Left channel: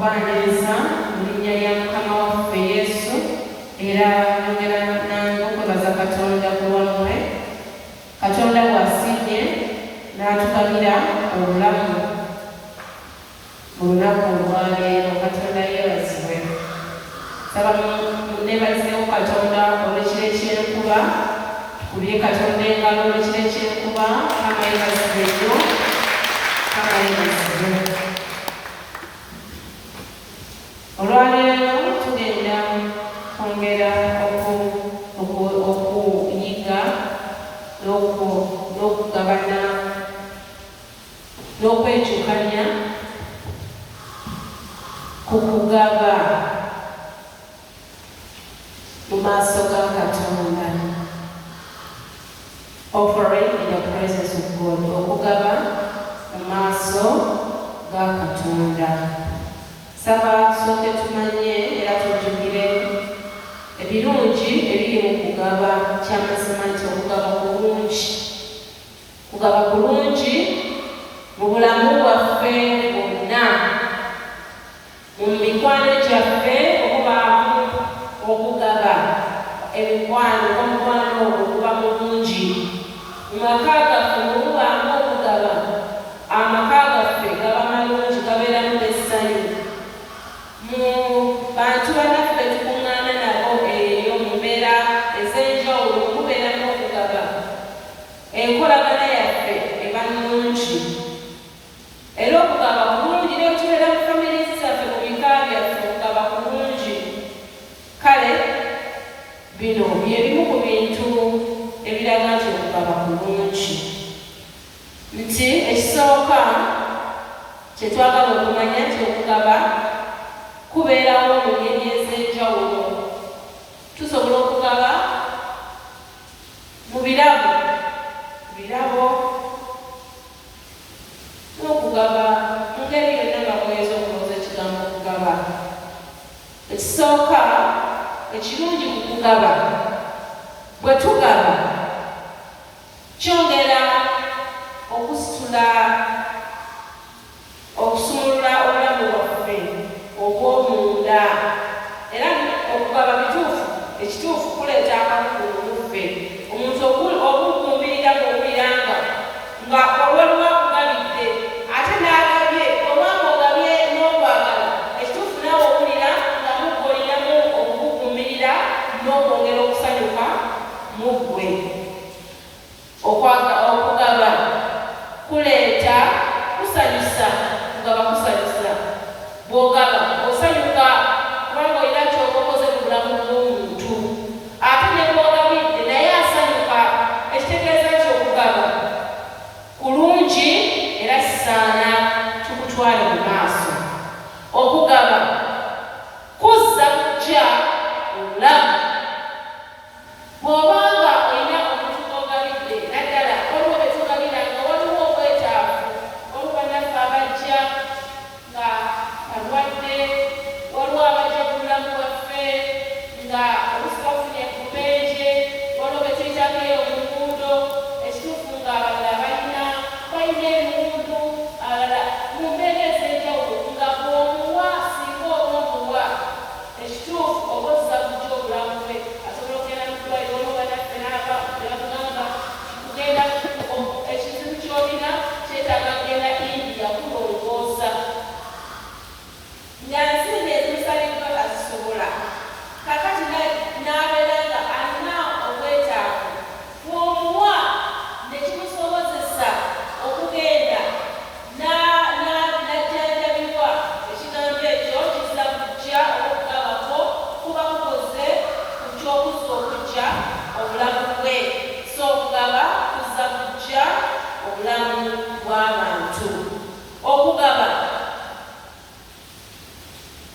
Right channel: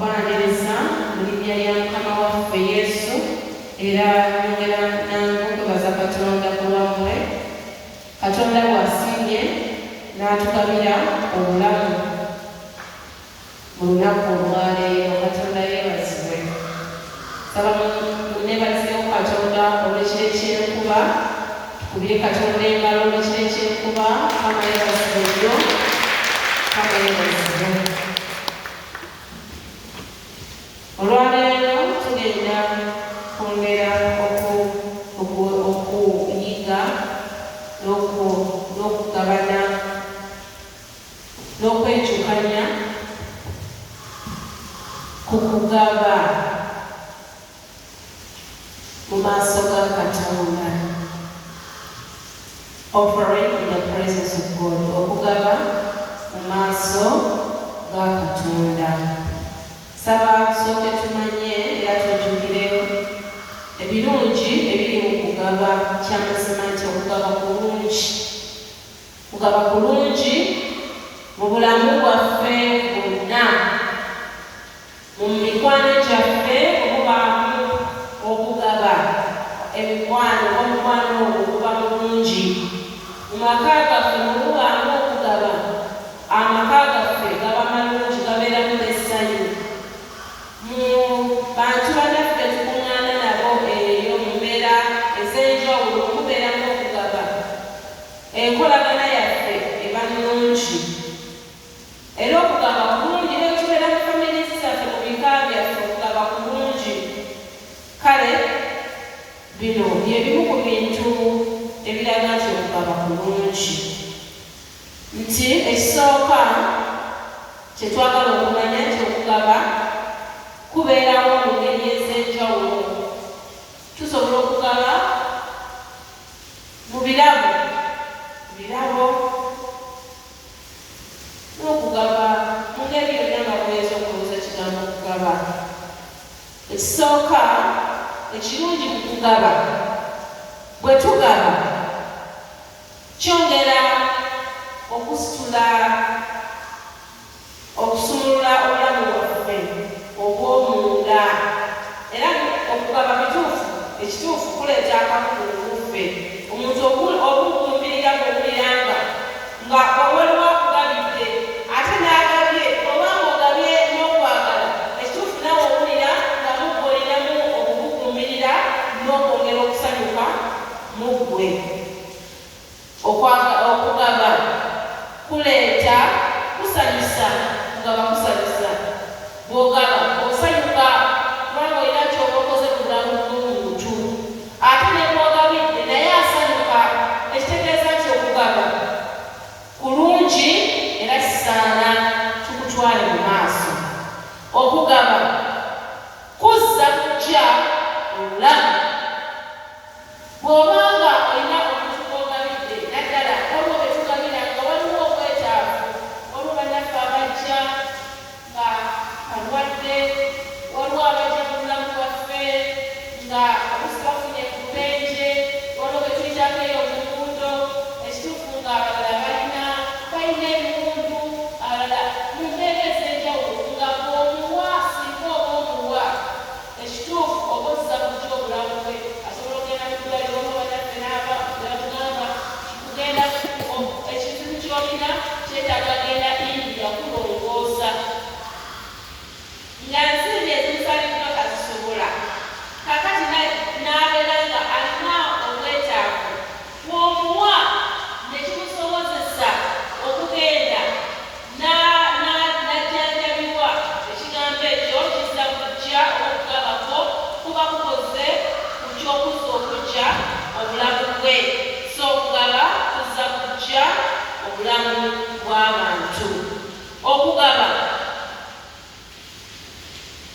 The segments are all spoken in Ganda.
okubaniriza mu linnya lya Mukama waffe Yesu, era nyongera nange okwebaza Katonda ku lwammwe. Katonda bw'asiimye n'atugabira obulamu mu lunaku olwaleero. Katonda yeebazibwe. Saba munneebazeewo Katonda olw'ekiro ekyenkuba, tukubire Katonda engalo olw'ekiro ekyenkuba. Mukama yeebazibwe nnyo, Mukama yeebazibwe. Olwaleero tugenda kwongera okuyiga n'okugabana n'okwejjukanya ku kugaba mu maaso ga Katonda. Offering in the presence of God. Okugaba mu maaso ga Katonda. Saba tusooke tumanye era tujjukire ebirungi ebiri mu kugaba. Kyamazima nti okugaba kulungi. Kugaba kulungi mu bulamu bwaffe bwonna, mu mikwano gyaffe okubaamu okugaba. Omukwano ogwo guba mulungi. Mu maka gaffe mububaamu okugaba. Amaka gaffe gaba malungi, gabeeramu n'essanyu. Mu bantu bannaffe tukuŋŋaana nabo eyo mu mbeera ez'enjawulo mubeeramu okugaba. Enkolagana yaffe eba nnungi. Era okugaba kulungi. Era tubeera mu famire zaffe, mu bika byaffe, okugaba kulungi. Kale bino byebimu ku bintu ebiraga nti okugaba kulungi. Nti ekisooka kyetwagala okumanya nti okugaba kubeerawo mu ngeri ez'enjawulo. Tusobola okugaba mu birabo n'okugaba mu ngeri yonna nga bweza okulowooza ekigambo okugaba. Ekisooka ekirungi ku kugaba, bwe tugaba kyongera okusumulula obulamu bwaffe obw'omunda. Era okugaba ekituufu kuleeta akamukumu muffe. Omuntu obugumbirira bw'owuliranga nga owaliwo akugabidde ate n'agabye, obanga ogabye n'okwagala, ekituufu naawe owulira nga mugoliramu okugugumbirira n'okwongera okusanyuka mu ggwe. Okugaba kuleeta kusanyusa. Kugaba kusanyusa. Bw'ogaba osanyuka kubanga olina ky'oba okoze mu bulamu bw'omuntu. Ate ne bw'ogabidde naye asanyuka. Ekitegeeza nti okugaba kulungi era kisaana tukutwale mu maaso. Okugaba kuzza kujja obulamu. Bw'obanga olina omuntu gw'ogabidde, naddala waliwo be tugabira nga waliwo obwetaavu. Waliwo bannaffe abajja nga balwadde, waliwo abajja mu bulamu bwaffe nga oluusi bafunye ku bubenje, waliwo be tuyitako eyo mu nguudo. Ekituufu nga abalala balina ebiwundu, abalala mu mbeera ez'enjawulo nga bw'omuwa singa oba omuwa. Ekituufu oba ozza kujja obulamu bwe. Asobola okugenda mu ddwaliro oba bannaffe n'aba bakugamba kugenda ekintu ky'olina kyetaaga genda India kulongoosa. Nga nsimbi ezimusaliddwa kazisobola. Kakati n'abeera nga alina obwetaavu. Bw'omuwa ne kimusobozesa okugenda n'ajjanjabibwa. Ekigambo ekyo kizza kujja okugabako kuba kukoze ku ky'okuzza okujja obulamu bwe. So okugaba kuzza kujja obulamu bw'abantu. Okugaba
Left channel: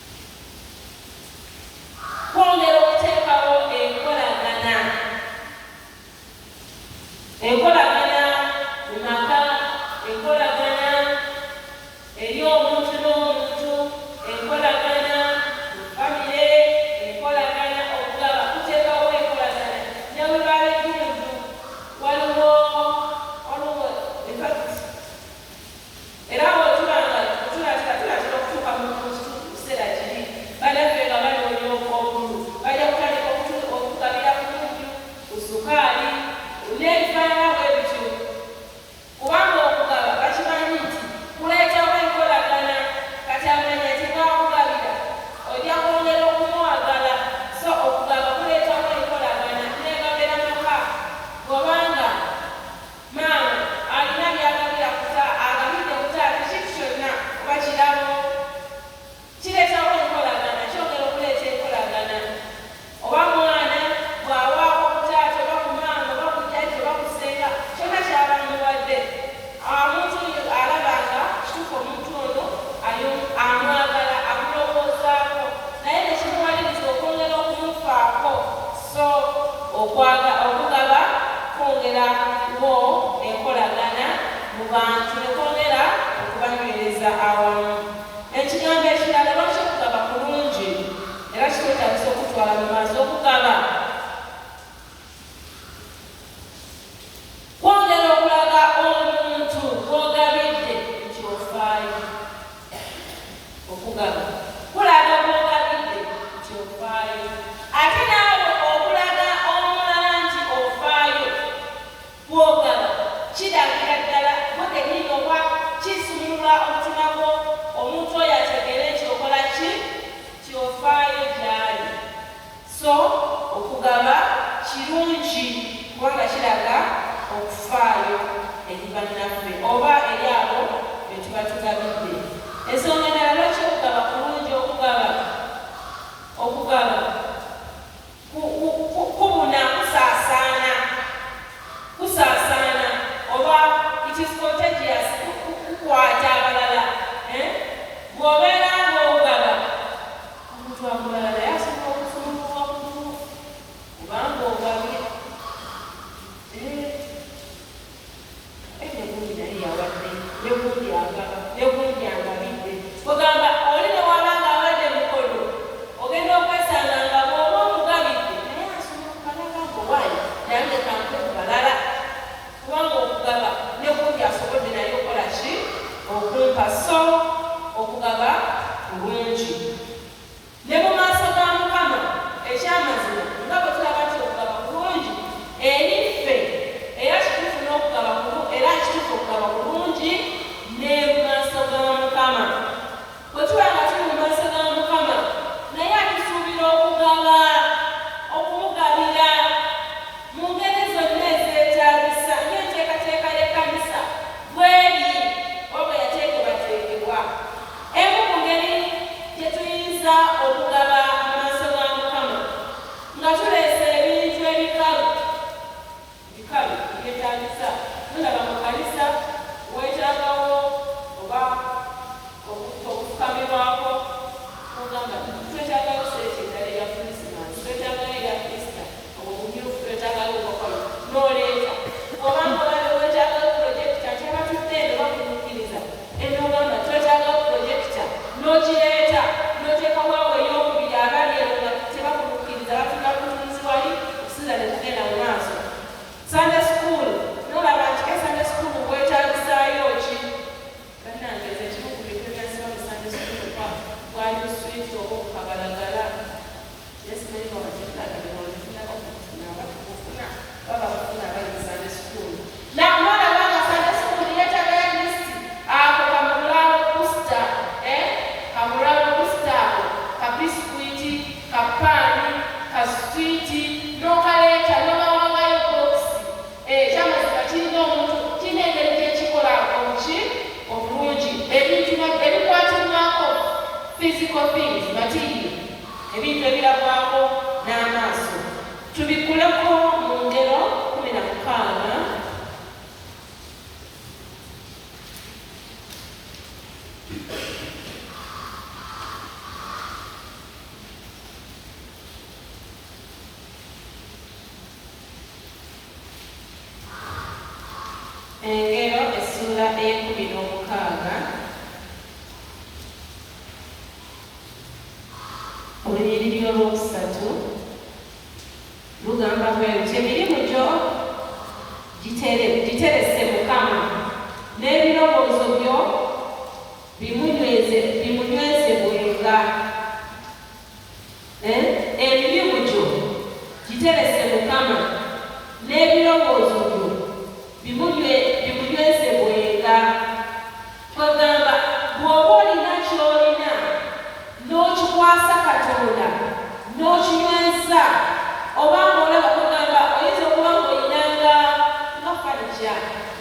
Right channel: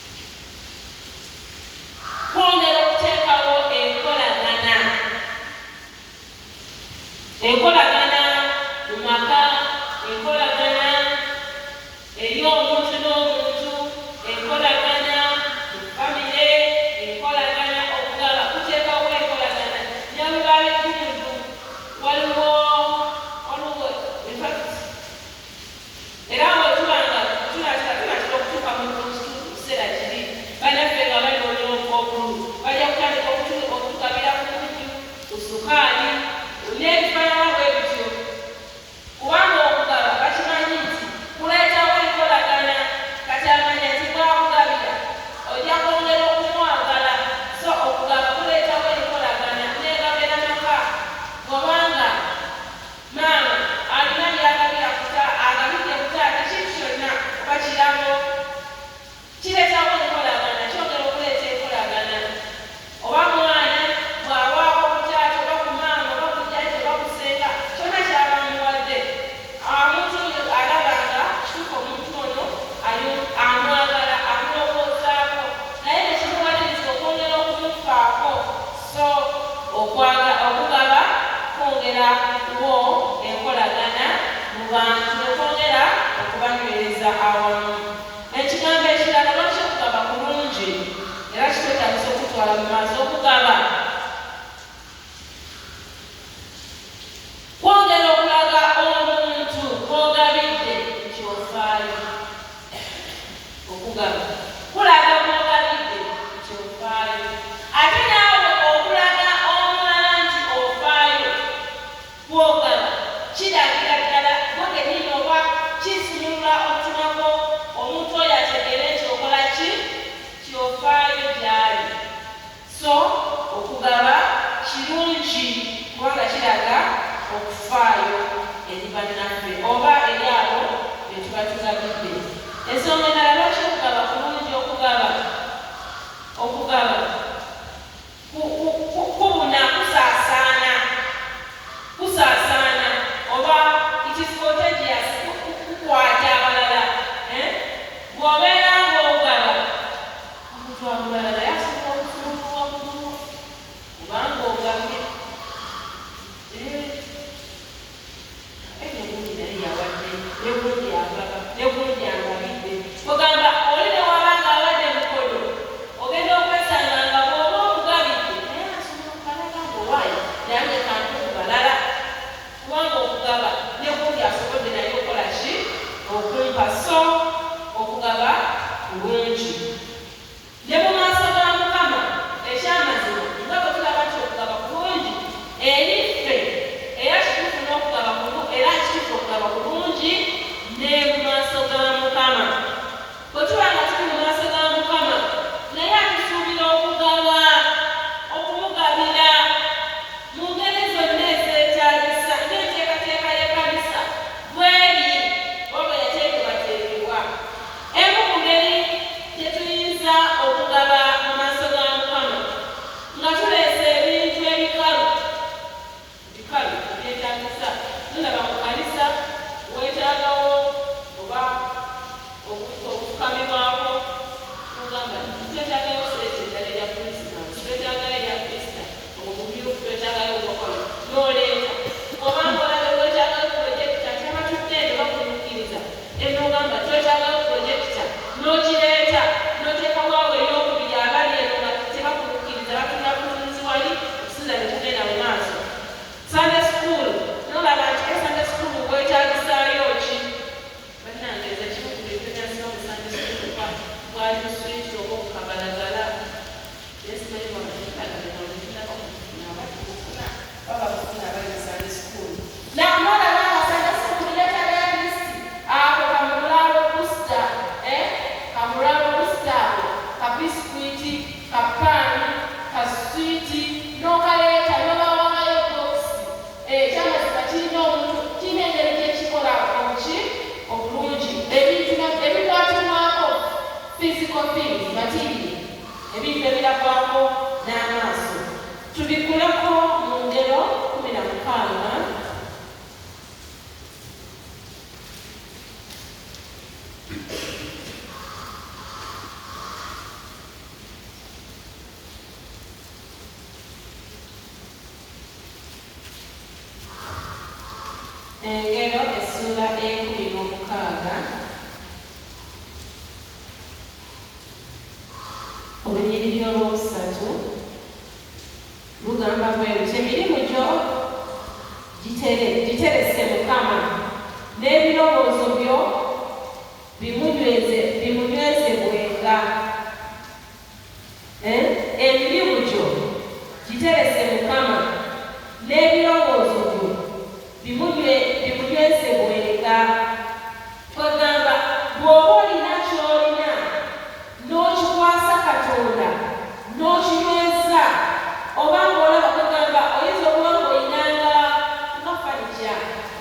okugaba kwongera wo enkolagana mu bantu nekwongera okubanywereza awamu. Ekigambo ekirala lwaki okugaba kulungi era kikwetagisa okutwala mu maaso. Okugaba kwongera okulaga omuntu gw'ogabidde nti ofaayo. Okugaba kulaga gw'ogabidde nti ofaayo, ate naawe okulaga omulala nti ofaayo gw'ogaba kiragira ddala mwagenini oba kisumula omutima gwo omuntu oyo ategere nti okola ki kyofaayo gyali. So okugaba kirungi kubanga kiraga okufaayo eri bannaffe oba eri abo be tuba tugabidde. Ensonga endala lwaki okugaba kulungi? Okugaba kubuna kusaasaana oba it is contagious, kukwata abalala. Bw'obeera ng'ogaba omuntu amulala naye asobola okusumulwa waggulu kubanga ogabye. Negundi naye yawadde, negundi agaba, negundi angabidde. Ogamba oli ne wabanga abadde mukodo ogenda okwesanga nga bw'oba omugabidde naye asobola okukalaga ng'owaayo nange kantu okubalala kubanga okugaba negundi asobodde naye okola ki okumpa. So okugaba kulungi ne mu maaso ga Mukama. Ekyamazima nga bwe tulaba nti okugaba kulungi eri ffe era kituufu n'okugaba era kituufu okugaba kulungi ne mu maaso ga Mukama. Bwe tuba nga tuli mu maaso ga Mukama naye atusuubira okugaba, okumugabira mu ngeri zonna ezeetaagisa ng'enteekateeka y'ekkanisa bweri oba yateekebwateekebwa. Emu ku ngeri gye tuyinza okugaba mu maaso ga Mukama nga tuleese ebintu ebikalu ebyetaagisa. Tulaba mu kanisa weetaagawo oba okufukamibwako ogamba twetaagayo seeti eddala erya Krismasi, twetaagayo erya Krista, omumyufu twetaagayo obukolo n'oleeta. Oba ng'olaba weetaagayo pulojekita kyabatudde ne bakunuukiriza enogamba twetaagayo pulojekita n'okireeta n'oteekawawo ey'okubiri abali eno nga tebakunuukiriza batunda bulunzi wali okusinza ne tugenda mu maaso. Sunday school nolaba nti Sunday school weetaagisaayo ki? Bannange nze kimu ku bintu byasiba mu Sunday school bwali buswiti oba okukabalagala. Yesimanyi babatinabakufuna baba kufuna abali mu Sunday school. Nolaba nga Sunday school yeetaagala listi ako kamulalo busta, kamulalo busta ako kabiskwiti, kapaani, kaswiti n'okaleeta n'obawangayo bokisi. Ekyamazima kirina omuntu kirina engeri gyekikola omuki obulungi. Ebintu ebikwatibwako physical things, material, ebintu ebirabwako n'amaaso tubikuleko mu ngero 16. Engero essula ey'ekumi-n'omukaaga olunyiriri olwokusatu lugamba bwe luti emirimu gyo giterese Mukama n'ebirowoozo byo bimunywezebwenga. Emirimu gyo giterese Mukama n'ebirowoozo byo bimunywezebwenga. Twagamba bw'oba olina ky'olina n'okikwasa Katonda n'okinyweza oba ng'olaba kugamba oyinza okuba ng'olinanga nga fanija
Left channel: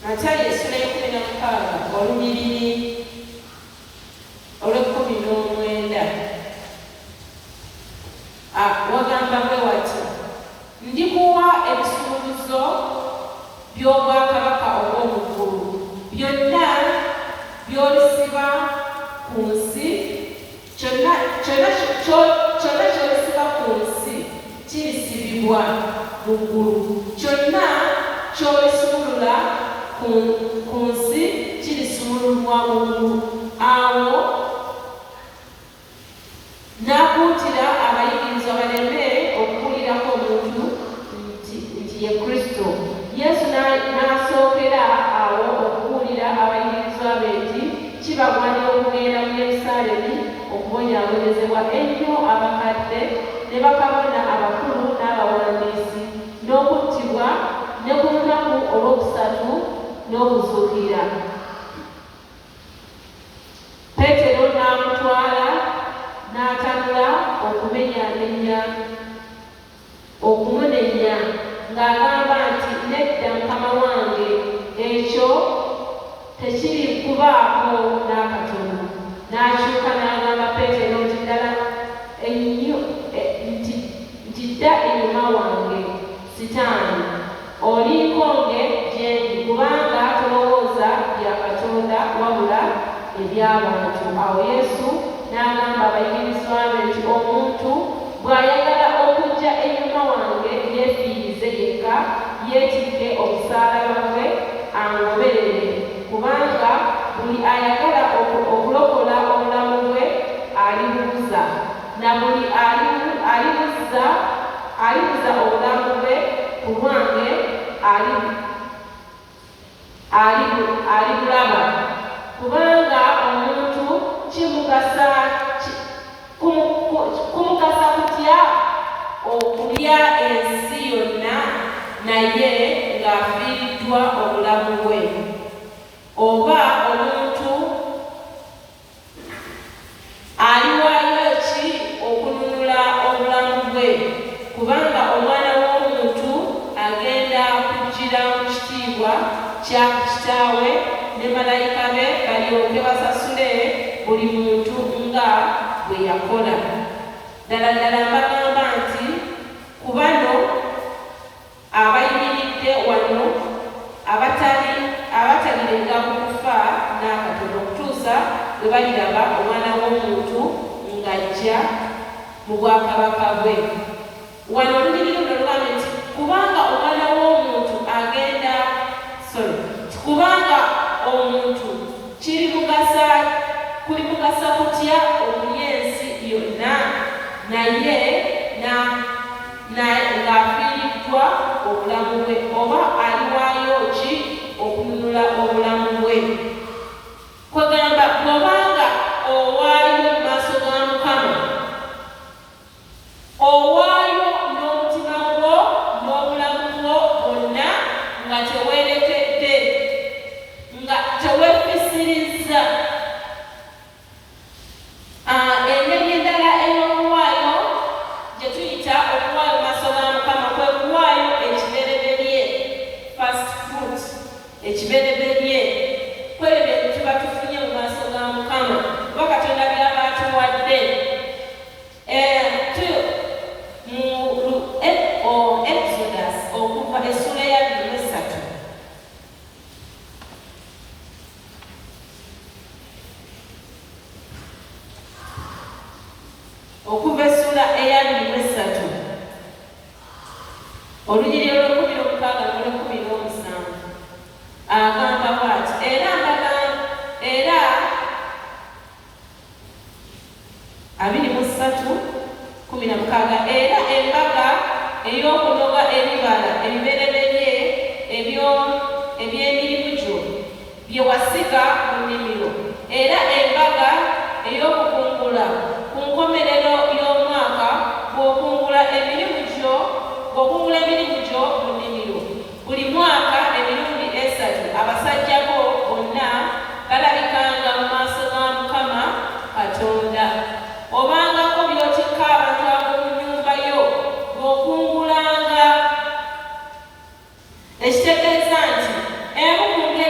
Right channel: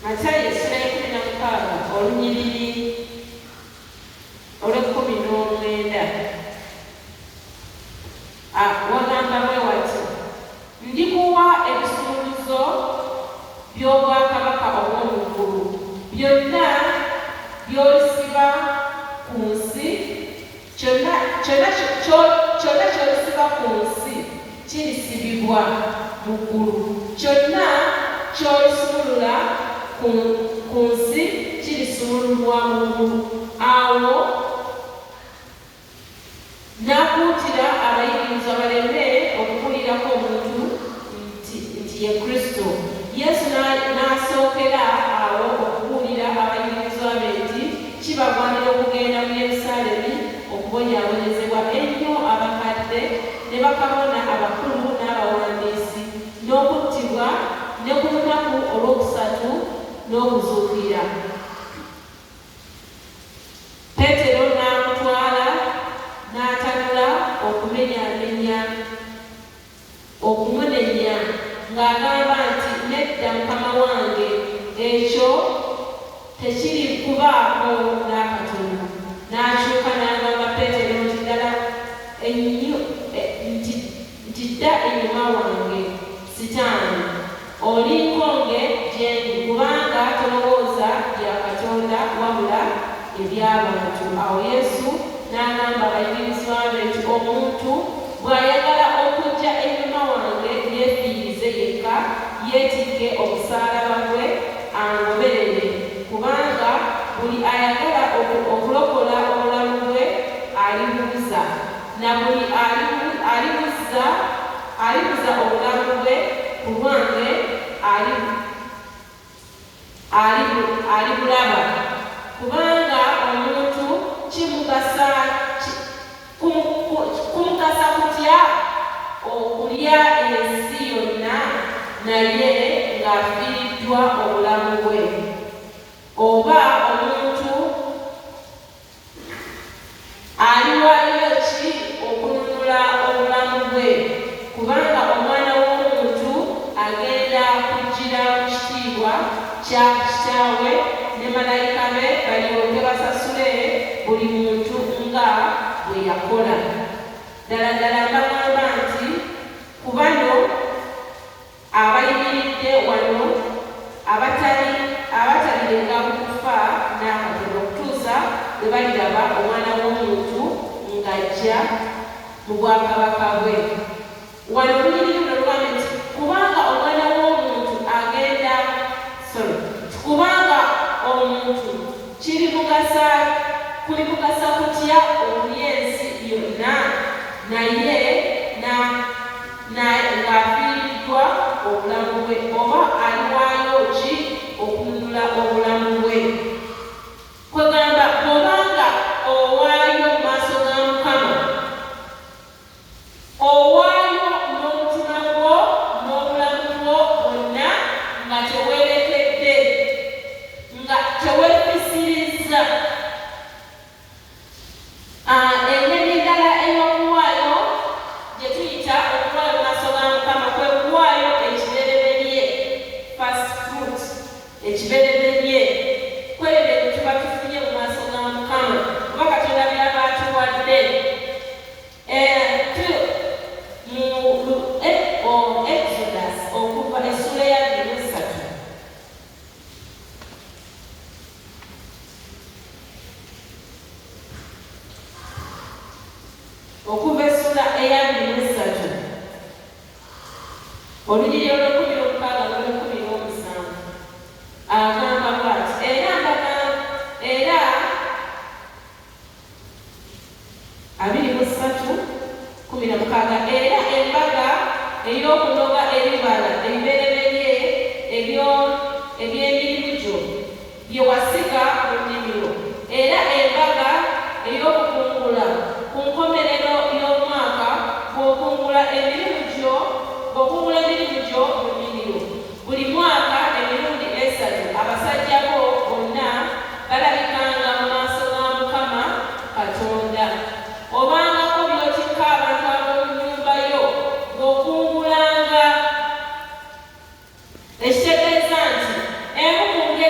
Matayo essula ya 16 olunyiriri olw'19 wagamba bwe wati: ndikuwa ebisuluzo by'obwakabaka obw'omu ggulu, byonna by'olisiba ku nsi, kyonna ky'olisiba ku nsi kirisibibwa mu ggulu, kyonna ky'olisumulula ku nsi kirisumululwa mu ggulu. Awo n'akuutira abayigirizwa baleme okuwulirako omuntu nti ye Kristo. Yesu n'asookera awo okubuulira abayigirizwa be nti kibagwanira okugenda mu Yerusaalemi okubonyaabonyezebwa ennyo abakadde ne bakabona abakulu n'abawandiisi, n'okuttibwa, ne ku lunaku olwokusatu n'okuzuukira. Peetero n'amutwala n'atanula okumunenya ng'agamba nti, nedda Mukama wange, ekyo tekiri kubaako n'akatono. N'akyuka n'agamba Peetero nti, ddala nti dda enyuma wange, Sitaani, oli nkonge gye ndi, kubanga tolowooza bya Katonda wabula eby'abantu. Awo Yesu n'agamba abayigirizwa be nti, omuntu bw'ayagala okujja ennyuma wange, yeefiirize yekka, yeetikke omusaalaba gwe, angoberere. Kubanga buli ayagala okulokola obulamu bwe alibubuza, na buli alibuza obulamu bwe ku lwange alibulaba. Kubanga omuntu kumugasa kutya okulya ensi yonna naye ng'afiiriddwa obulamu bwe? Oba omuntu aliwaayo ki okununula obulamu bwe? Kubanga Omwana w'Omuntu agenda kujjira mu kitiibwa kya Kitaawe ne malayika be, balyoke basasule buli muntu nga bwe yakola. Ddala ddala mbagamba nti ku bano abayimiridde wano abatalirenga mu kufa n'akatono okutuusa bwe baliraba Omwana w'Omuntu ng'ajja mu bwakabaka bwe. Wano olunyiriri luno lugamba nti kubanga Omwana w'Omuntu kubanga omuntu kulimugasa kutya okulya ensi yonna naye ng'afiiriddwa obulamu bwe? Oba aliwaayo ki okununula obulamu bwe? Kwegamba bw'obanga owaayo mu maaso ga Mukama, owaayo n'omutima gwo n'obulamu bwo bwonna, nga teweerekedde, nga teweefisirizza. Engeri endala ey'okuwaayo gye tuyita okuwaayo mu maaso ga Mukama kwe kuwaayo ekibereberye, first fruit, ekibereberye kwebyo bye tuba tufunye mu maaso ga Mukama kuba Katonda by'aba atuwadde. Mu Exodus okuva essula ya 23 okuva essula eya 23 olunyiriri olw'okumi-omukaaga n'olw'okumi-omusanvu agamba bw'ati: era 23:16, era embaga ey'okunoga ebibala ebibereberye eby'emirimu gyo bye wasiga mu nnimiro, era embaga ey'okukungula ku nkomerero y'omwaka bw'okungula emirimu gyo mu nnimiro. Buli mwaka emirundi 3 abasajja bo bonna balabikanga mu maaso ga Mukama Katonda. Obangako by'otikka abantu ab'omu nnyumba yo ng'okungulanga, ekitegeeza nti emu ku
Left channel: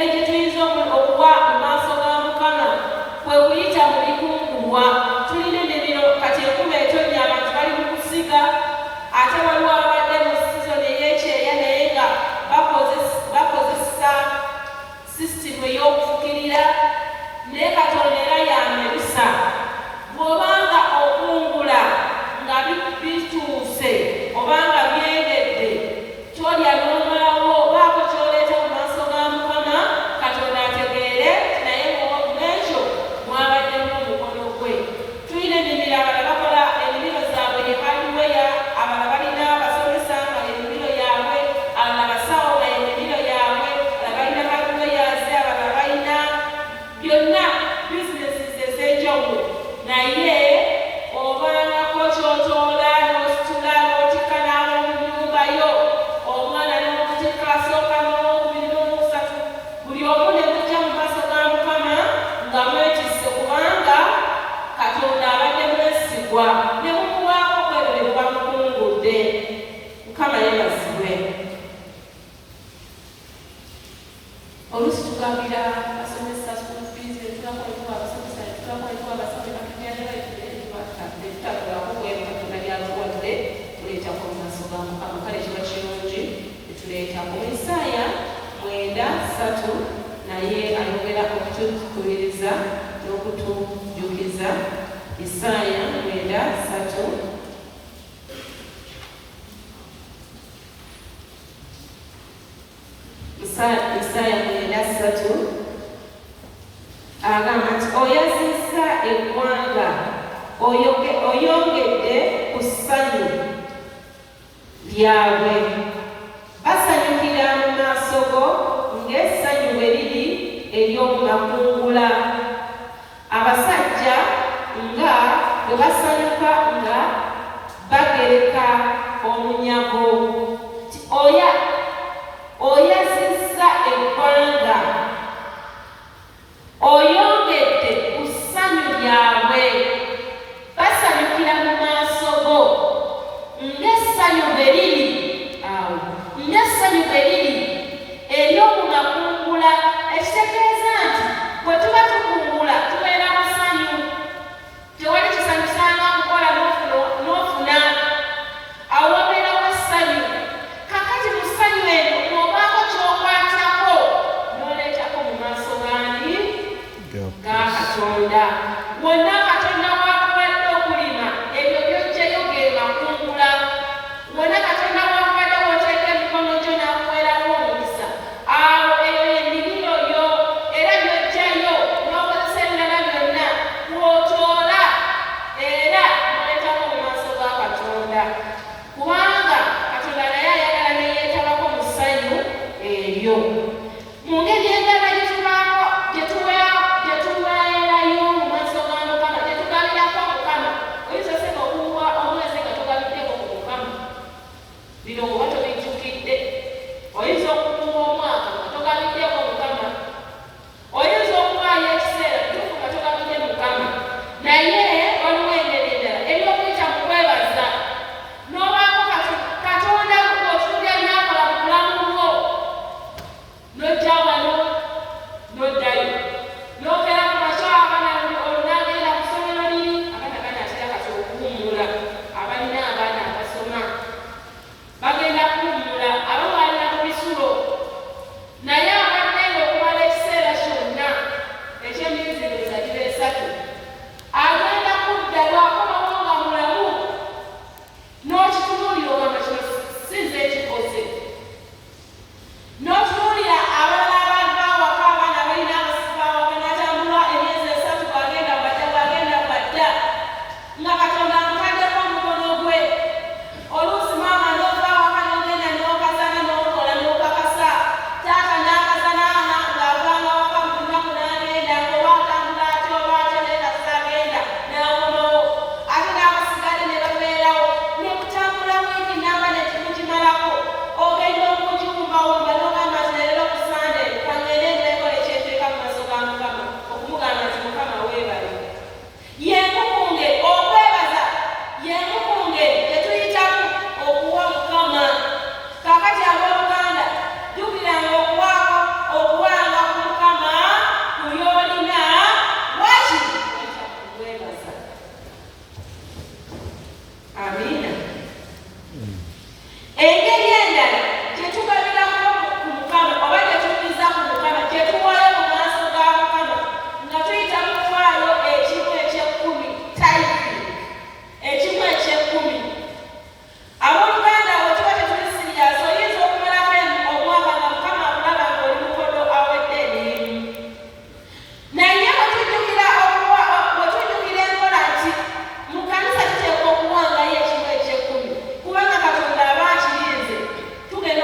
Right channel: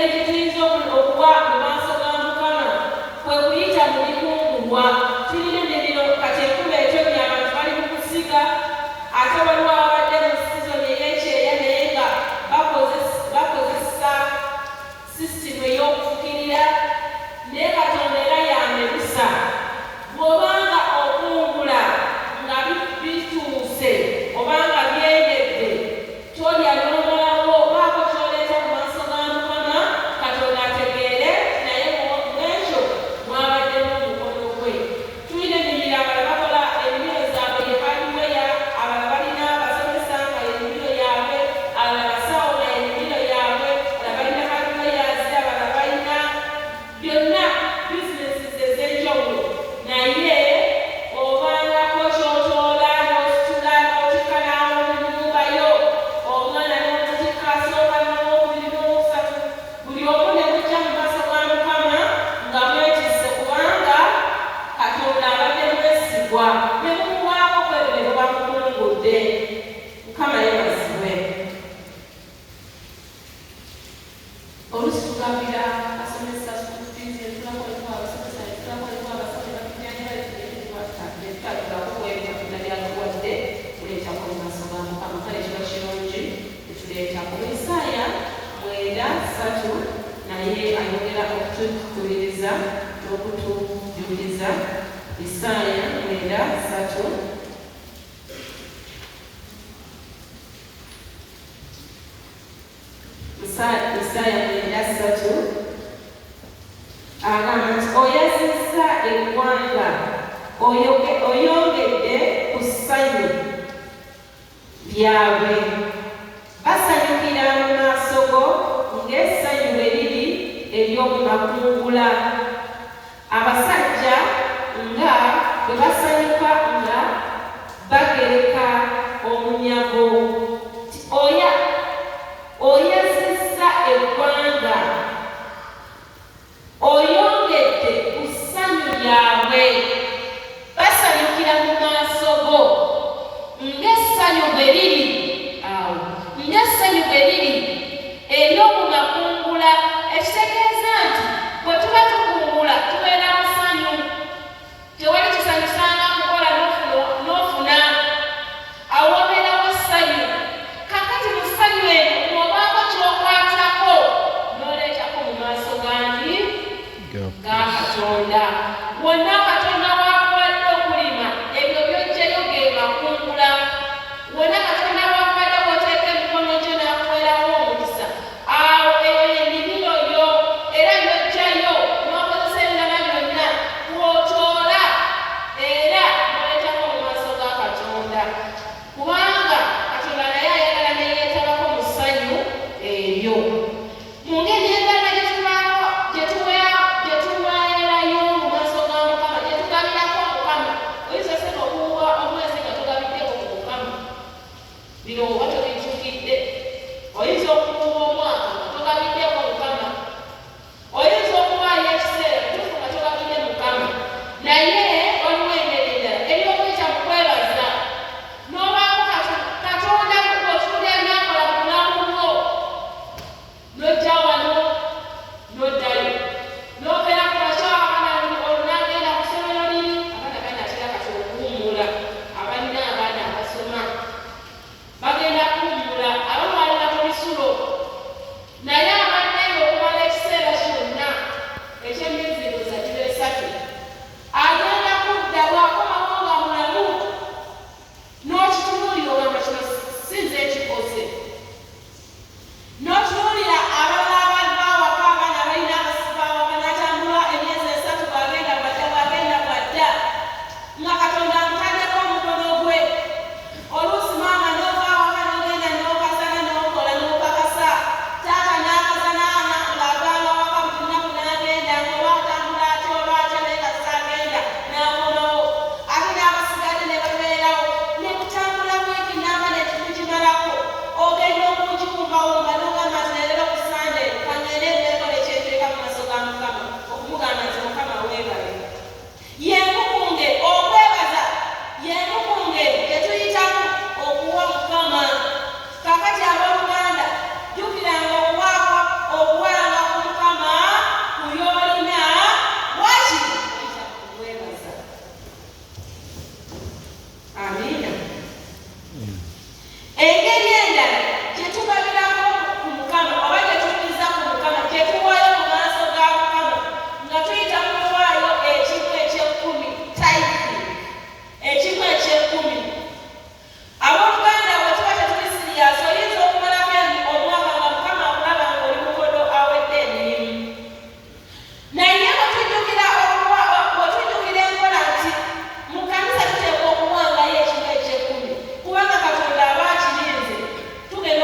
obudde. Mukama yeebazibwe. Oluusi tugambira basomesa school fees, netulakolewa abasomesa, netulakolewa abasawo netulakolewakuwedde kuleetako mu maaso ga Mukama. Kale kiba kirungi netuleetako. Isaaya 9:3 naye ayogera okutukubiriza n'okutujjukiza. Isaaya 9:3 Isaaya 9:3 agamba nti oyazizza eggwanga, oyongedde ku ssanyu lyabwe. Basanyukira mu maaso go ng'essanyu bwe liri ery'omu makungula. Abasajja nga bwe basanyuka nga bagereka omunyago. Oyazizza eggwanga, oyongedde ku ssanyu lyabwe. Basanyukira mu maaso go ng'essanyu bwe liri ng'essanyu bwe liri ery'omu makungula. Ekitegeeza nti bwe tuba tukungula tubeera mu ssanyu. Tewali kisanyusanga mukola n'ofuna, awo wabeerawo essanyu. Kakati mu ssanyu eno n'obaako ky'okwatako n'oleetako mu maaso gandi ga Katonda. Wonna Katonda w'akuwadde okulima ebyo by'oggyeyo ge makungula. Wonna Katonda w'akuwadde w'oteeka emikono gyo n'akuweerawo omukisa, awo eyo y'ennimiro yo, era by'oggyayo n'okozesa ebirala byonna kw'otoola era n'oleetako mu maaso ga Katonda. Kubanga Katonda naye ayagala ne yeetabako mu ssanyu eryo. Mu ngeri endala gye tuweerayo mu maaso ga Mukama, gye tugabirako Mukama. Oyinza oseka okuwa omwezi nga togabiddeko ku Mukama, bino oba tobijjukidde. Oyinza okukuwa omwaka nga togabiddeko Mukama. Oyinza okuwaayo ekiseera kituufu nga togabidde Mukama. Naye waliwo engeri endala ery'okuyita mu kwebaza. N'obaako Katonda otunula ebyakola mu bulamu bwo, n'ojja wano n'oddayo n'ogera ku makya abaana olunagenda ku ssomero liri, abaana banatera kati okuwummula. Abalina abaana abasoma bagenda kuwummula, abamu balina mu bisulo. Naye abadde ng'okumala ekiseera kyonna eky'emiziriza giro 3 agenda kudda bw'akomawo nga mulamu, n'okitunuulira ogamba kino sinze ekikoze. N'otunuulira abalala abava awaka, abaana balina abasiba awaka, n'atambula emyezi 3 bw'agenda bwadda nga Katonda amutaddeko omukono gwe. Oluusi maama n'ova awaka n'ogenda n'okasana n'okola n'okakasa, taata n'akasana ng'avanga awaka mu lunaku n'agenda, ng'oba atambula ate oba ate naye nga saagenda n'akomawo. Ate n'abasigadde ne babeerawo ne kutambula wiiki namba ne tukugimalako. Ogenda okugiwumbawumba n'ogamba nti leero ku Sande kangende ndekola ekyenteeka mu maaso ga Mukama, okumugamba nti Mukama weebale. Yemukunge okwebaza, yemukunge tetuyitamu okuwa Mukama. Kakati abooluganda, jjukiranga okuwanga ku Mukama ku by'olina, wakiri oyita mu kwebaza. Amiina. Engeri endala gye tugabirako ku Mukama oba gye tuyinza ku Mukama, gye tuwaayo mu maaso ga Mukama nga tuyita mu kuwaayo ekimu eky'ekkumi, tithe, ekimu eky'ekkumi. Abooluganda bwe tuba tetuli siriyasi, oyinza okumalako omwaka nga Mukama akulaba ng'oli mukodo awedde emirimu. Naye bwe tujjukira enkola nti mu kkanisa tuteekwa okuwangayo ekimu eky'ekkumi, kubanga Katonda aba akirinze, tugenda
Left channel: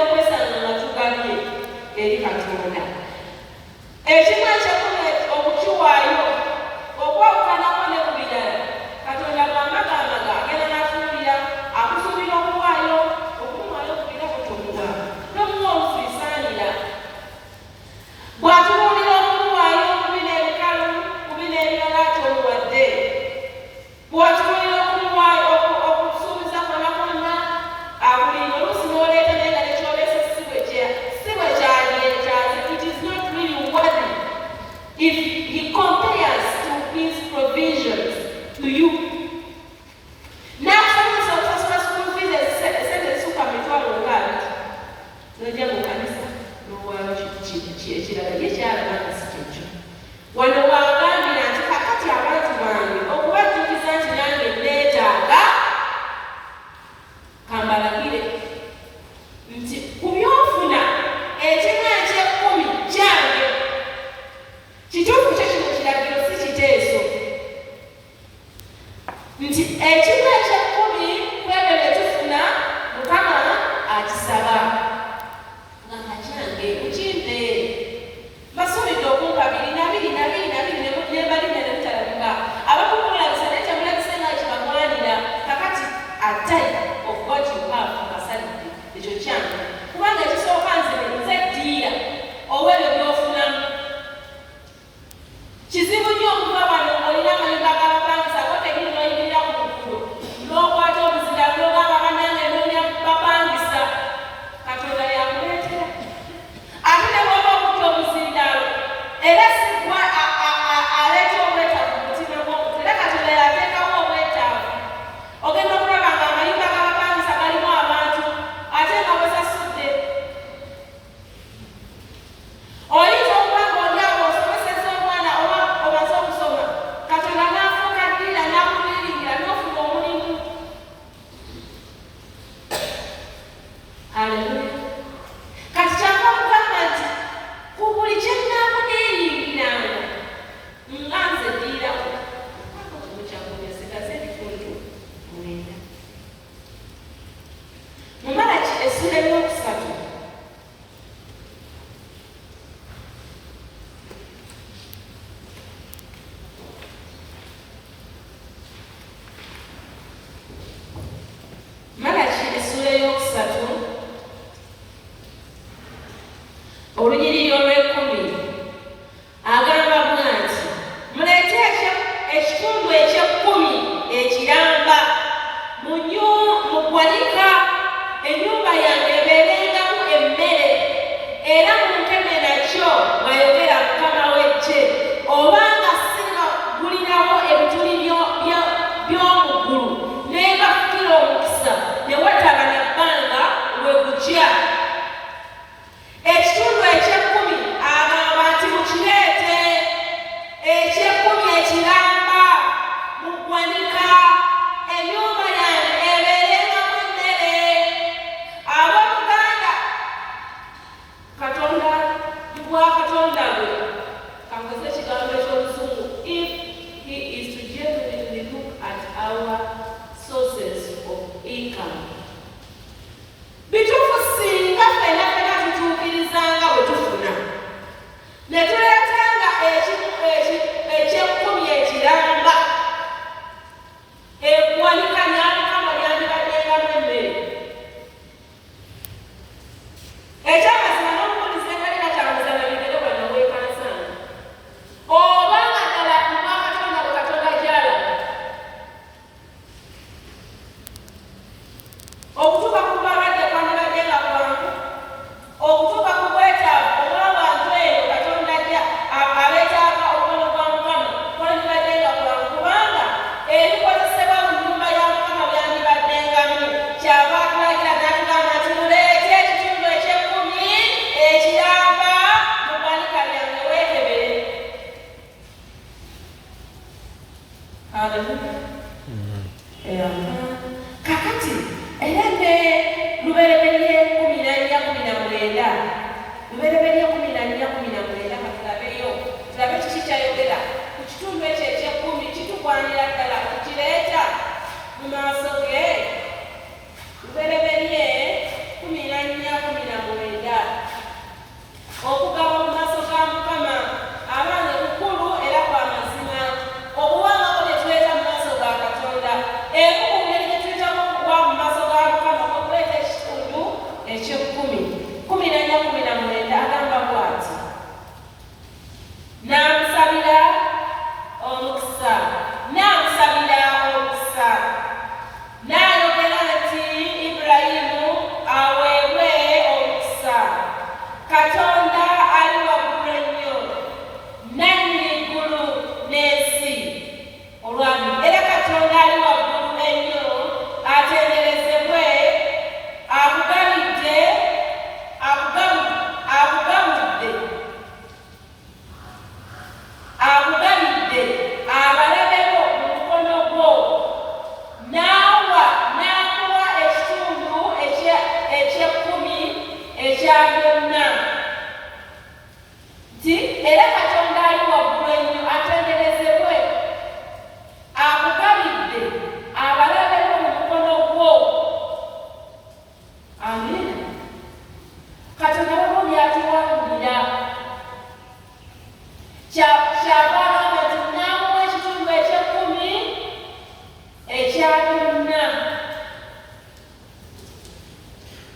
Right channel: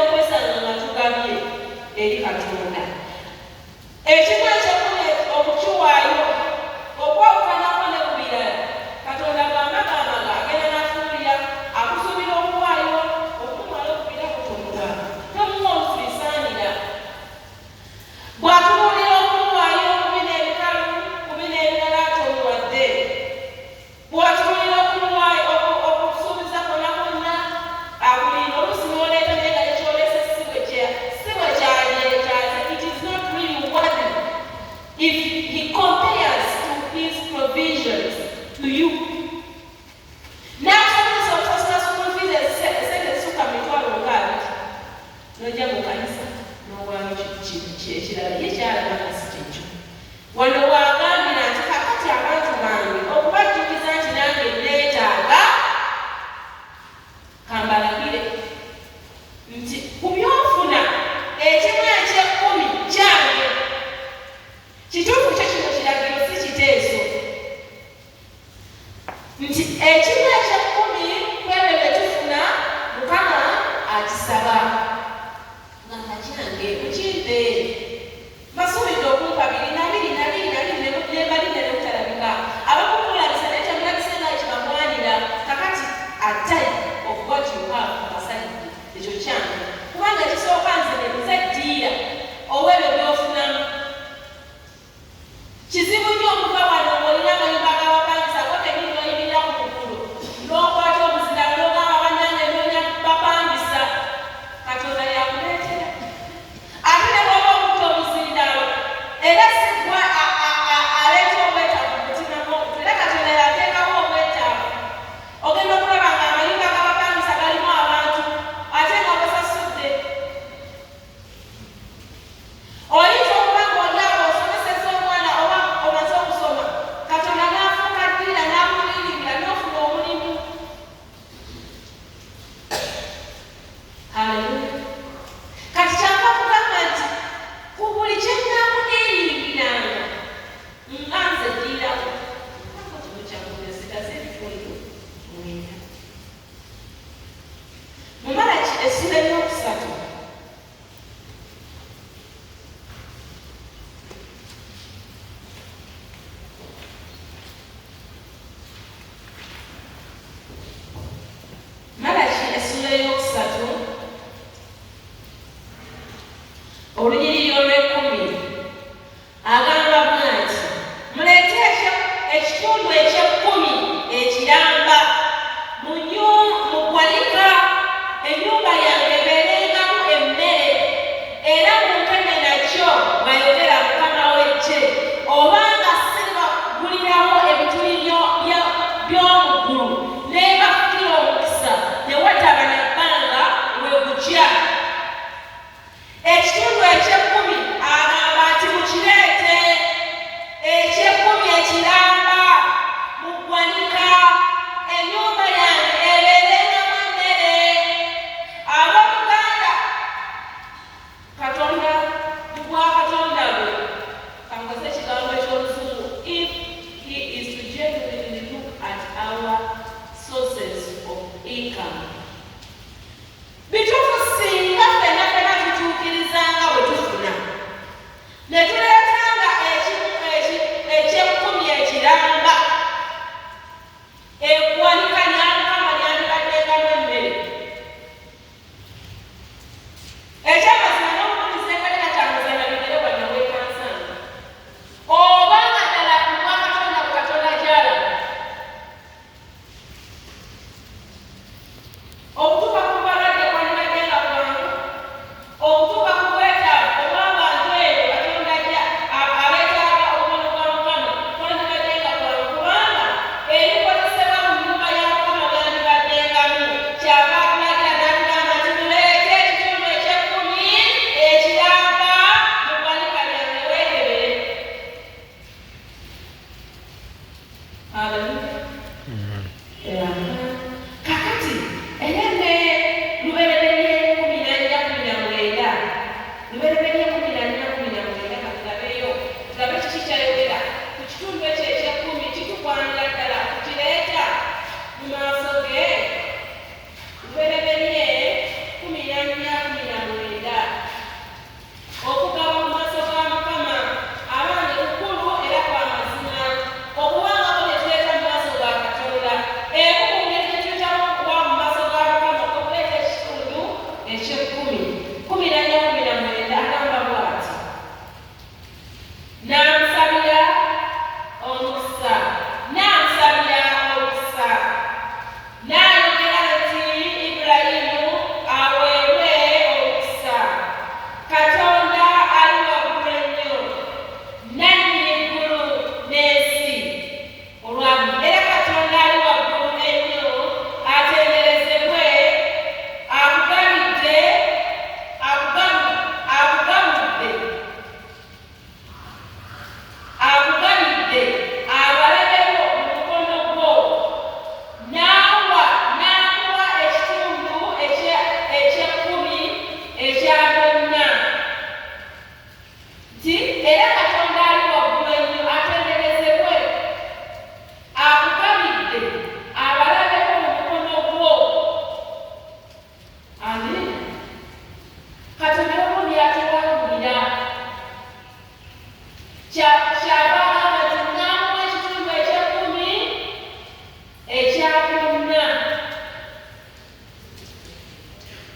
akisaba nga kakyange mukimpeere masuubidde okumpa 2 nebaline nemutalabika abakumulabisa naye temulabise nga kibagwanira kakati attayi of what you have abasalidde ekyo kyange kubanga ekisooka nze ddiira owebyo byofunamu kizibu nnyo okuva wano olina amayumba ag'abapangisa kotegiri noyimirira ku mukulo n'okwata obuzinda n'ogamba bannange noonya bapangisa katonda yakuleetera ate ne bw'oba okutta obuzindalo era sigwa aleeta obwetaavu mu mutima gw'omuntu era katonda yateekawo obwetaavu ogenda okulaba nga amayumba ag'abapangisa galimu abantu ate nga bwesasudde oli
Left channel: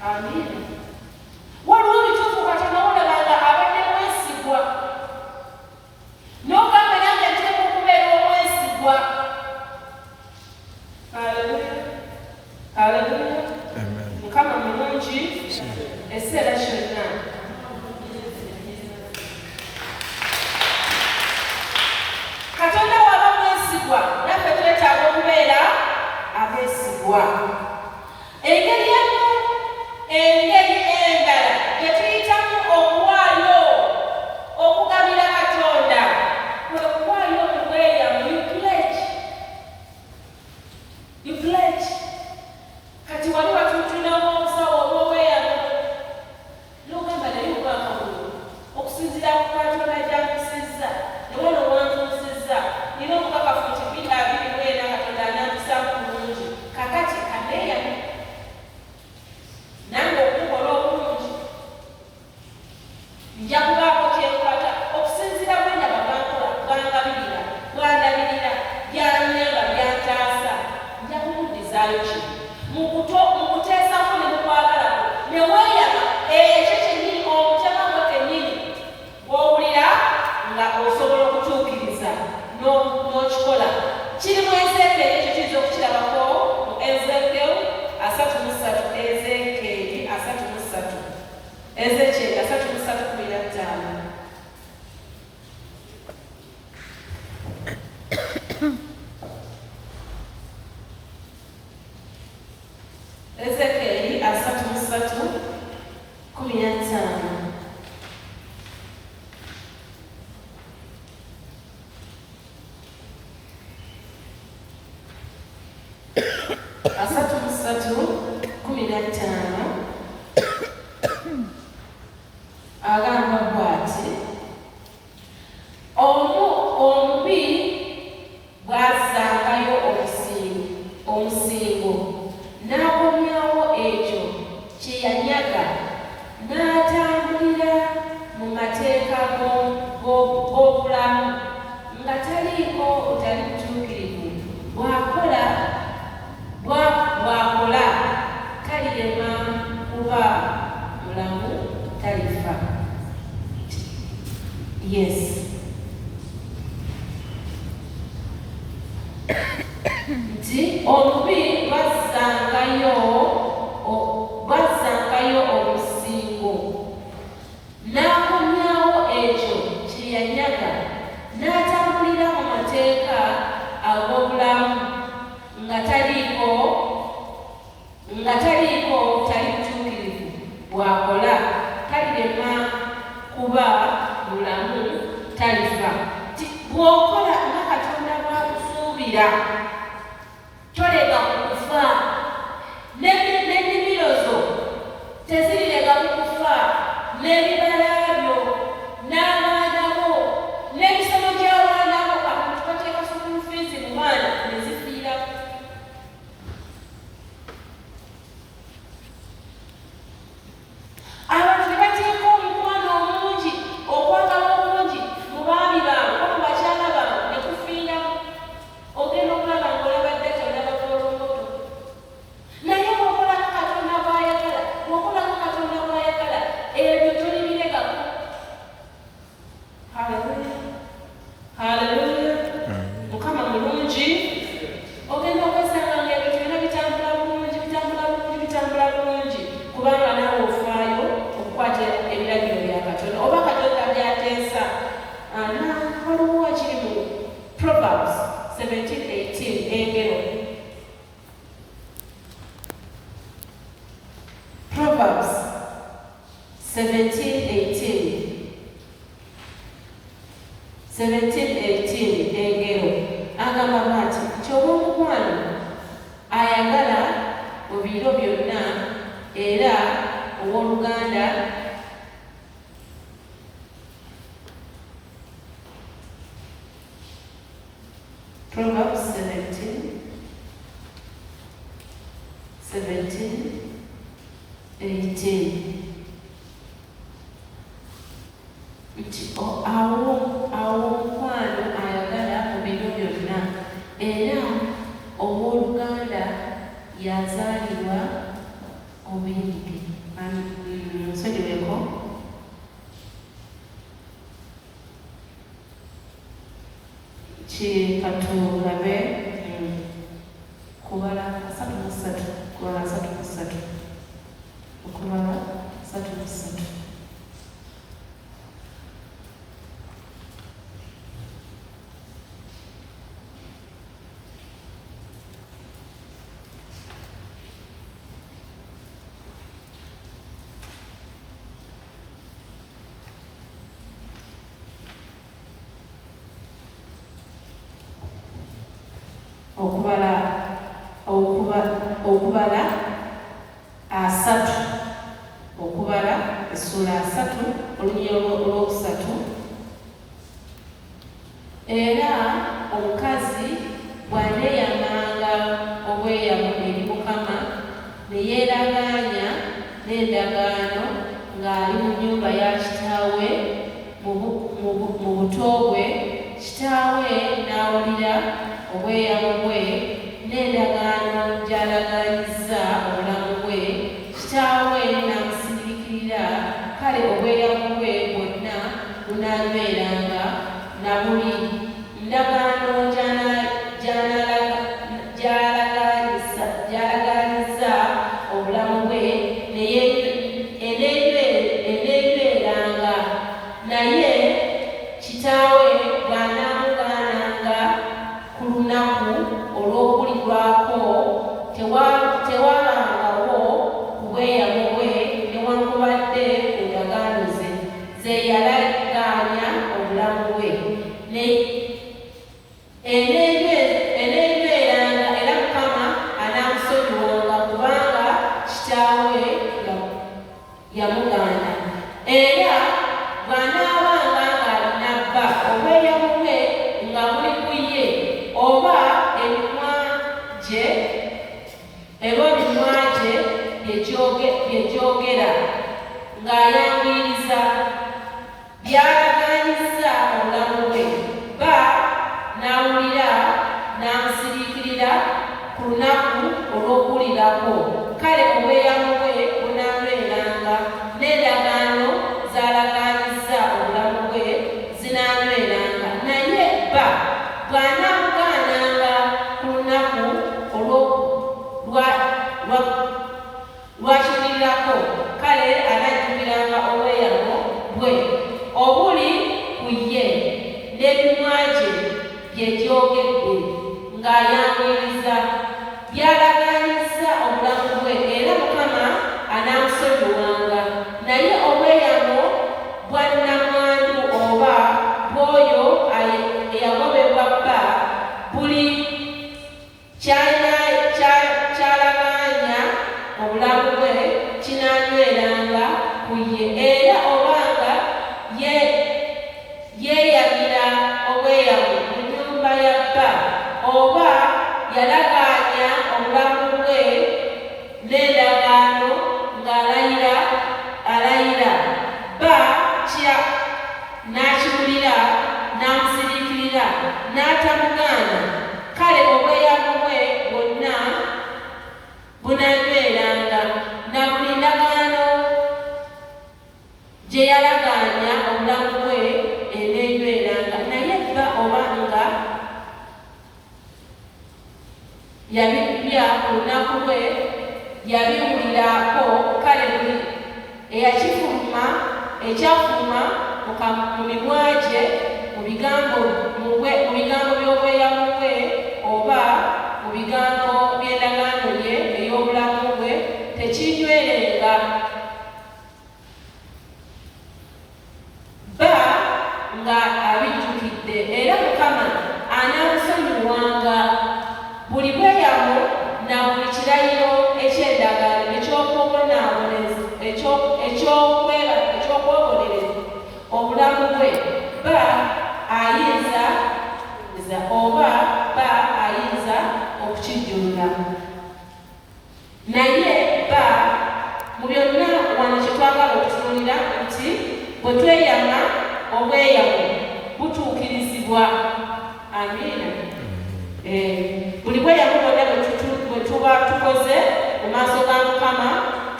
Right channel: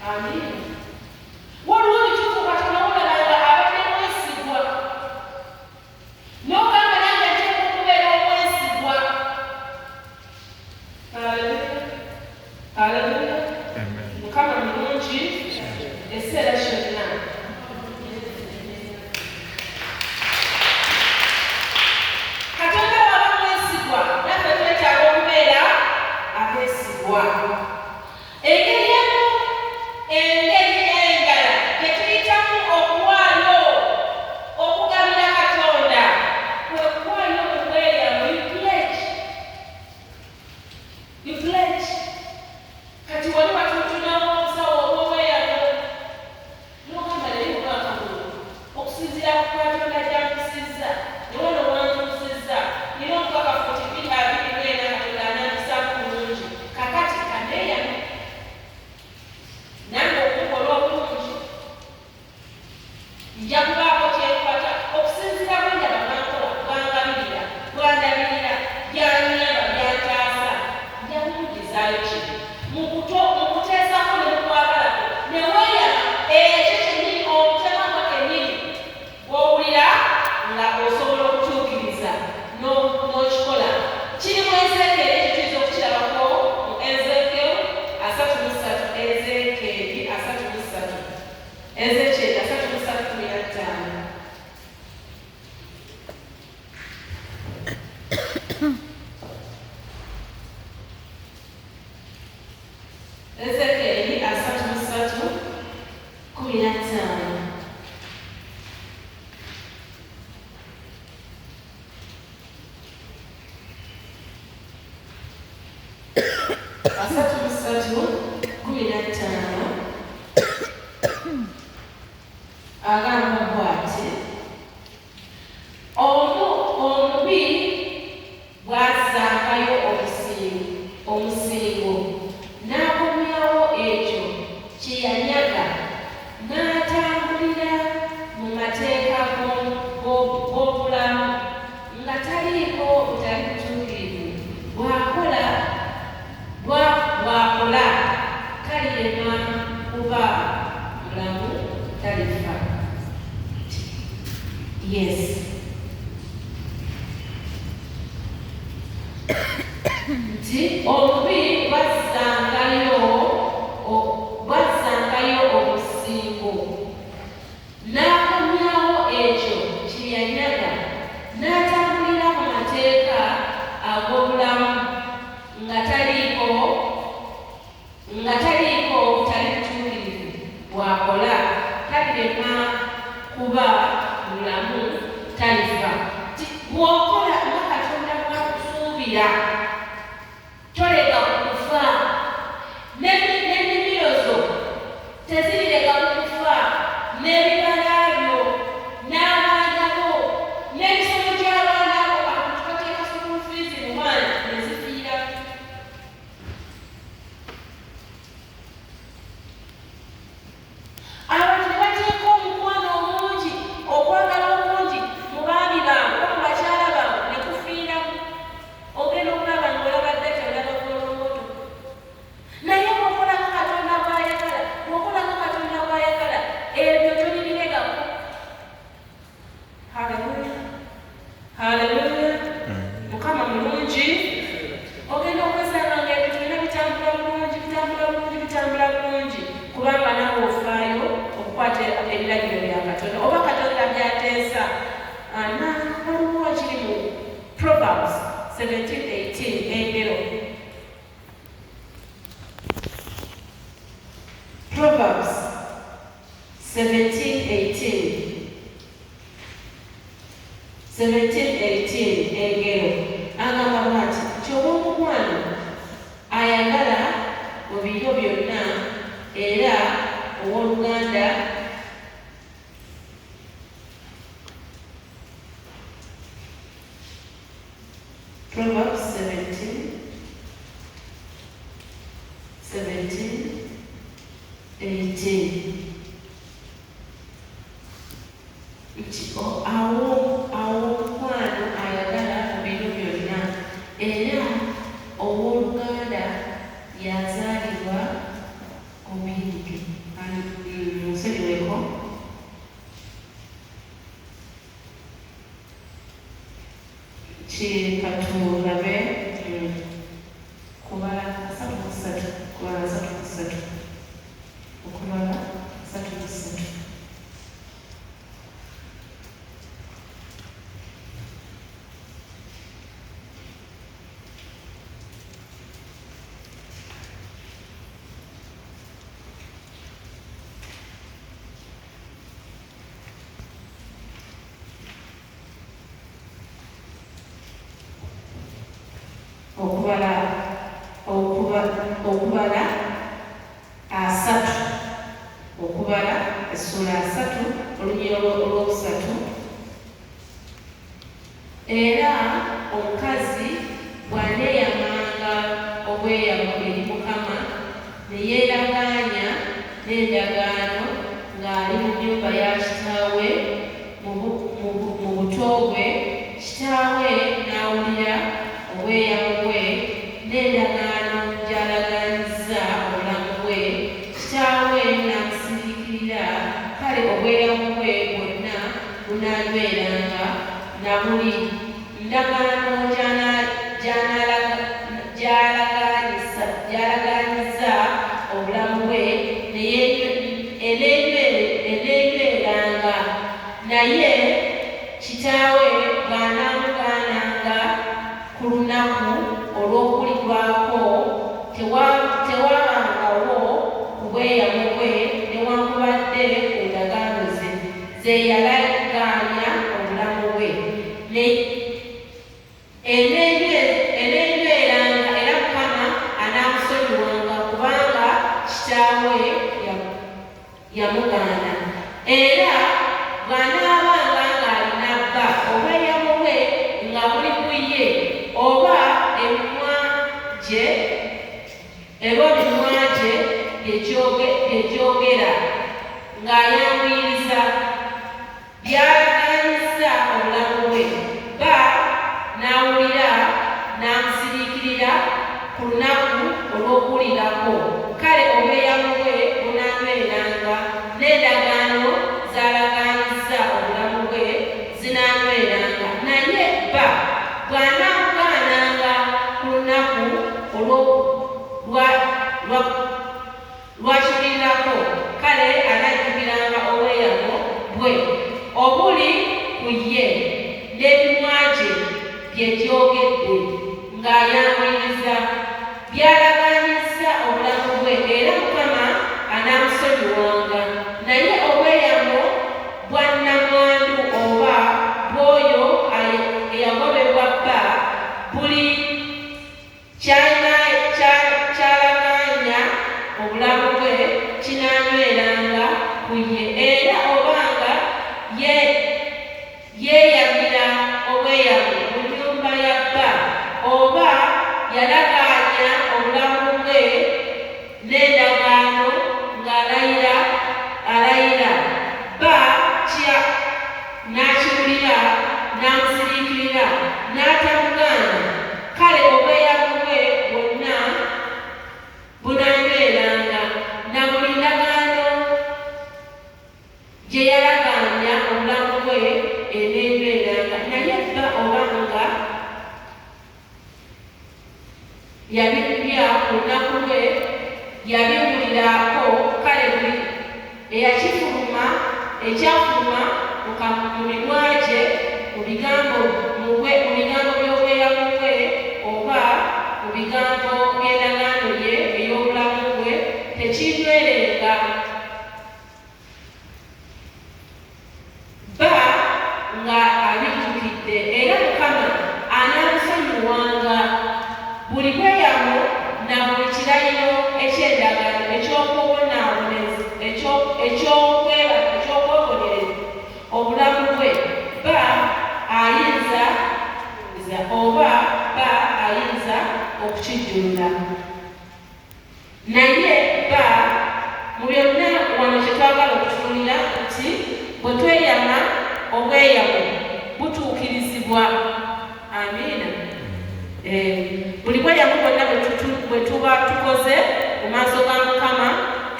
Amina. Waliwo ebituufu Katonda olabanga abadde mwesigwa. N'ogamba nange nteeka okubeera omwesigwa. Haleluya. Mukama mulungi ekiseera kyonna. Katonda waba mwesigwa naffe twetaaga okubeera abeesigwa. Engeri endala gye tuyitamu okuwaayo okugabira Katonda kwe kuwaayo obubweyamu. You pledge. Kati wali watutunawo obusawo obw'obweyamu n'ogamba naye omwaka guno okusinziira ku Katonda gy'ankusizza ne wano wantuusizza era omukakafu nti 2024 Katonda anankusaako bulungi. Kakati kaneeyame nange okukola obulungi nja kubaako kyenkwata okusinziira bwendaba bwankola bwangabirira bwandabirira byanyamba byantaasa nja kumudizaayo kibi mu kuteesako ne mukwagalako ne weeyama ekyo kyennyini omutema gwe kennyini bw'owulira nga osobola okutuukiriza n'okikola. Kiri mu Ezeekeri ekyo tuyinza okukirabako mu Ezeekeri 33:15. Ezeekeri 33:15. Agamba bw'ati, omubi bw'azzangayo omusingo n'akomyawo ekyo kye yanyaga n'atambulira mu mateeka g'obulamu nga taliiko butali butuukirivu bw'akola kalirema kuba mulamu talifa. Yes. Nti omubi bazzangayo omusingo n'akomyawo ekyo kye yanyaga n'atambulira mu mateeka ag'obulamu nga taliiko butali butuukirivu bw'akola talirema kuba mulamu talifa. Bw'okola nga Katonda bw'akusuubira tolega kukufa. N'ennimiro zo tezirega kukufa, n'ebibala byo n'abaana bo n'emisomo gy'abaana bo abantu bateeka school fees mu mwana ne zifiira. Abantu ne bateeka omukwano omungi, okwagala omungi mu baami baabwe oba mu bakyala baabwe ne kufiiramu. Ogenda okulaba ng'olaba ddata olaba kolongoto. Naye bw'okola nga Katonda bw'ayagala, ebyo tolibiregako. Haleluya. Mukama mulungi. Ogenda okwesanga ng'ebyo byonna bitambula bulungi kubanga nawe ofaayo okukwata ebiragiro bya Katonda oba Katonda by'ateesa. Waliwo kiri mu Proverbs 17:18 engero. Proverbs 17:18 engero agamba bw'ati, nti obw'omukwano ayagala mu biro byonna era owooluganda Proverbs 17:18 nti awo omukwano ayagala mu biro byonna era owooluganda yazaalibwa omuyinike nsonyiweko katulabe kubala 33 kubala 33 okubala 33 okubala asatu okubala essula asatu olunyiro olwokusatu era omukazi bw'aneeyamanga obweyamo eri Mukama ne yeeragaanya n'endagaano ng'ali mu nnyumba ya kitaawe mu buto bwe, kitaawe n'awulira obweyamo bwe n'endagaano gy'alagaanyizza obulamu bwe, kitaawe n'amusiriikirira, kale obweyamo bwe bwonna bunaanyweranga na buli ndagaano gy'alagaanyizza obulamu bwe eneenyweranga, naye kitaawe bw'anaamugaananga ku lunaku olw'okulirwako tewabangawo ku bweyamo bwe newankubadde ku ndagaano ze yalagaanya obulamu bwe. Eneenyweranga era Mukama anaamusonyiwanga kubanga kitaawe yamugaana. Era bw'anaabanga ng'alina bba obweyamo bwe nga buli ku ye oba emimwa gye byegyogera ng'ayanguyiriza byalagaanyizza obulamu bwe, bba n'awulira n'amusiriikirira ku lunaku olw'okuwulirako, kale obweyamo bwe bunaanyweranga n'endagaano z'alagaanyizza obulamu bwe zinaanyweranga, naye bba bw'anaamugaananga ku lunaku lwakiwulirako, kale anajjukiranga obweyamo bwe obuli ku ye n'emimwa gye byegyogedde ng'ayanguyiriza byalagaanyizza obulamu bwe, era Mukama anaamusonyiwanga. Naye obweyamo bwa nnamwandu oba bw'oyo eyagobebwa bba buli kyalagaanya obulamu bwe kinaanyweranga ku ye, era obanga yeeyamira obweyamo mu nnyumba ya bba oba yalagaanya obulamu bwe n'endagaano ng'alayira bba n'akiwulira n'amusiriikirira n'atamugaana, kale obweyamo bwe bwonna bunaanyweranga na buli ndagaano gye yalagaanya obulamu bwe eneenyweranga. Naye bba obanga yabibya ku lunaku lwe yabiwulirako, kale buli ekyafuluma mu mimwa gye mu bigambo by'obweyamo bwe oba mu bigambo by'endagaano ye ey'obulamu bwe tekinywerenga. Bba nga abijjukidde, era Mukama anaamusonyiwanga buli bweyamo na buli kirayiro eky'endagaano eky'okwebonereza obulamu bwe, bba ayinza okukijjulula. Naye bba mu byonna wano kye twagala okutunuulira nti bwe tweyama obweyamo butuukirizibwa. Amiina. Buli bweyamo bwonna bwe tuba tukoze mu maaso ga Mukama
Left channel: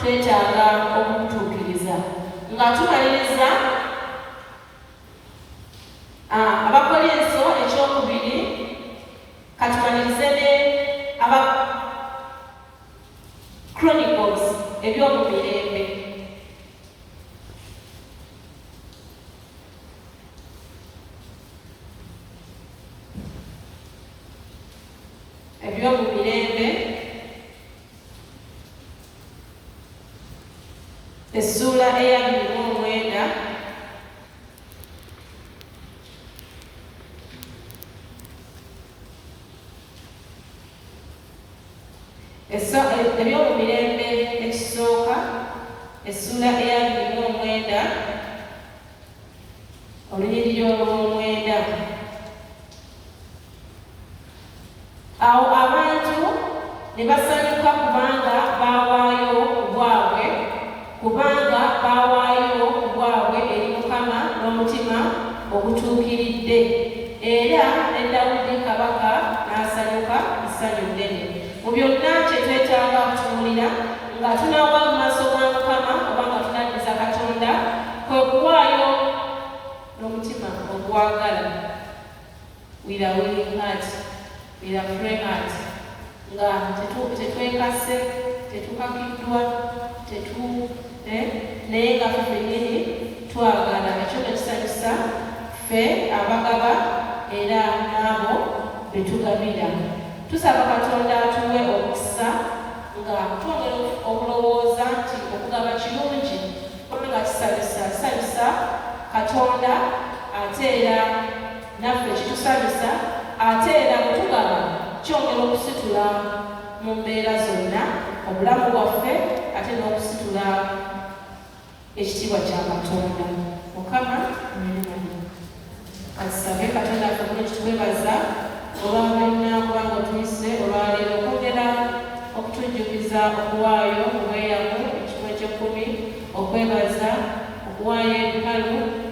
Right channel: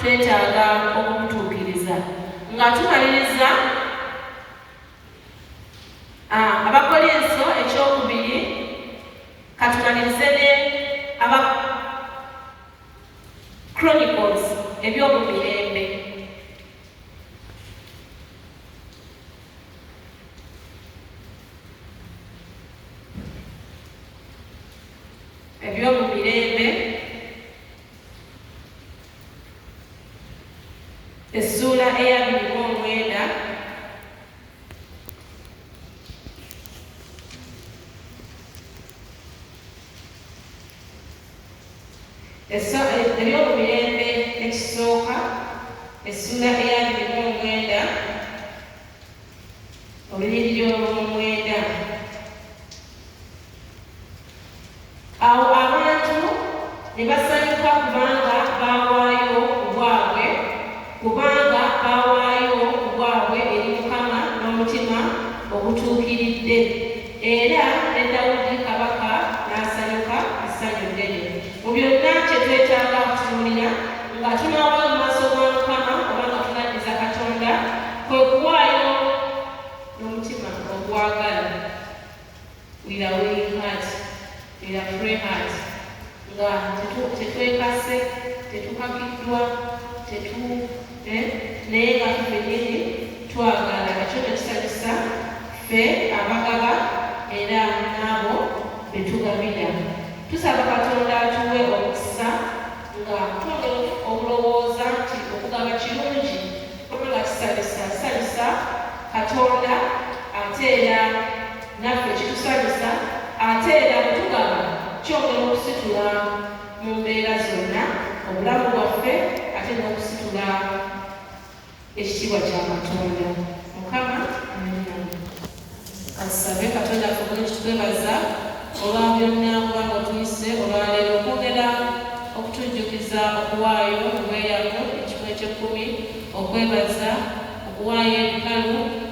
twetaaga okubutuukiriza. Nga tumaliriza Abakolinso ekyokubiri, katumalirize ne aba Chronicles ebyomumirembe. Ebyomumirembe essuula eya 29. Ebyomumirembe ekisooka essuula eya 29 olunyiriri olw'omwenda. Awo abantu ne basanyuka kubanga baawaayo ku bwabwe eri Mukama n'omutima ogutuukiridde, era ne Dawudi kabaka n'asanyuka essanyu ddene. Mu byonna kye twetaaga okutunuulira nga tunaawa mu maaso ga Mukama oba nga tunaddiza Katonda, kwe kuwaayo n'omutima ogwagala, with a willing heart, with a free heart, nga tetwekase, tetukakiddwa, naye nga ffennyini twagala. Ekyo ekisanyusa ffe abagaba era n'abo be tugabira. Tusaba Katonda atuwe omukisa nga twongera okulowooza nti okugaba kirungi kubanga kisanyusa Katonda, ate era naffe kitusanyusa, ate era bwe tugaba kyongera okusitula mu mbeera zonna obulamu bwaffe, ate n'okusitula ekitiibwa kya Katonda. Mukama katusabe. Katonda bulungi twebaza olwa byonna kubanga otuyise olwaleero okwongera okutujjukiza okuwaayo obweyamu ekimu eky'ekkumi, okwebaza okuwaayo ebikalu